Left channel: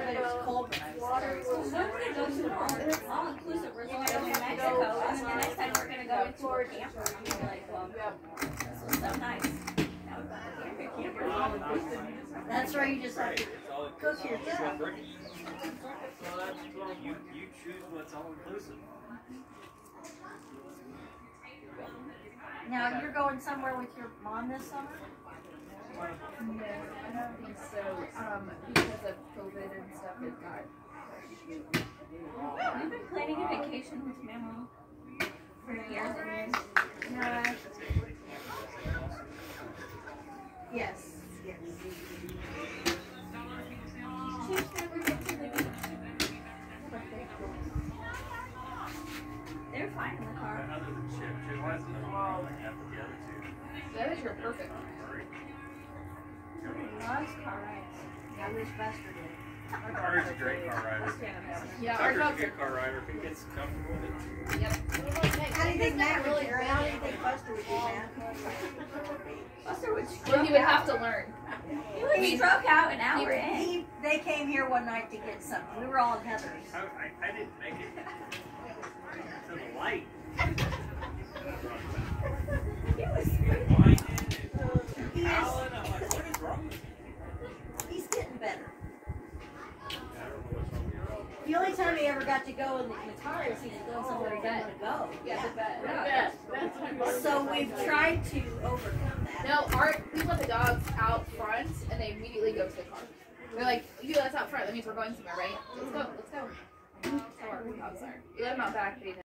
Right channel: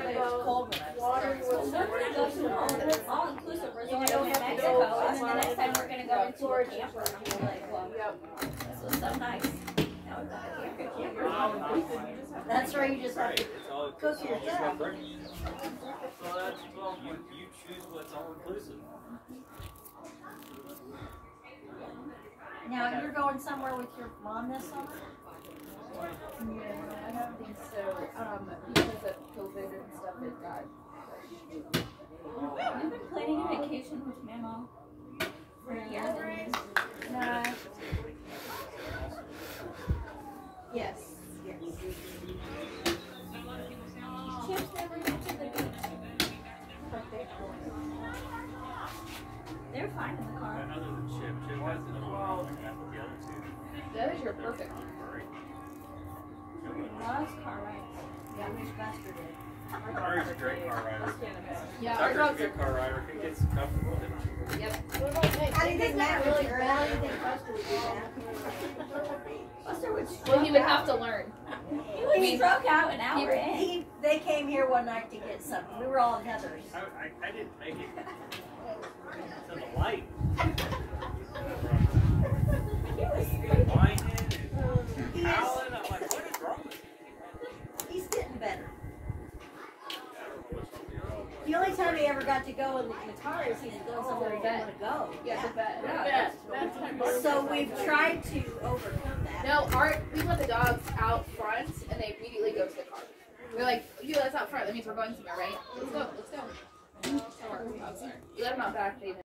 Cold water. We're going to go to an all-inclusive resort in Mexico, and then the next time we're going to go into a camper. And we're like, well, this was so nice. Now we're going to camper. That's where you just have to cook yourself. You choose what's all-inclusive. Now, you're going somewhere with your mom this summer? No, I don't think so. Because of COVID and stuff, it got pushed. I've been planning a vacation with Mama for years and years. No. Yes. Yes. Chip's never been to the beach. They're fine in the car. Other than Chip hasn't been on the other two. That is your perfect one. Loves car rides. Yeah, I wish Buster did. Car's a great car rider. Yeah, our Tucker's a dog's good car rider if he gets comfortable with it. yeah. How do you think Matt would do? How do you think Buster would do, Matt? Buster would stroke Well, he would out. have to learn. He would stroke out an hour in. They came here one night to get something. We were all in Heather's. I didn't make it to the light. He was Whining He and is. howling. I'm like, what is wrong with you? He's getting better. The only time he ever got to go in the guitar is he's going somewhere he didn't want to go. Yeah. So we've tried to overcome that. No, we let the dogs out front, and they immediately go to the car. They're like, you let us out front, that means we're going somewhere, right? Let's go, let's go. That's how our dogs are. You let them out back, they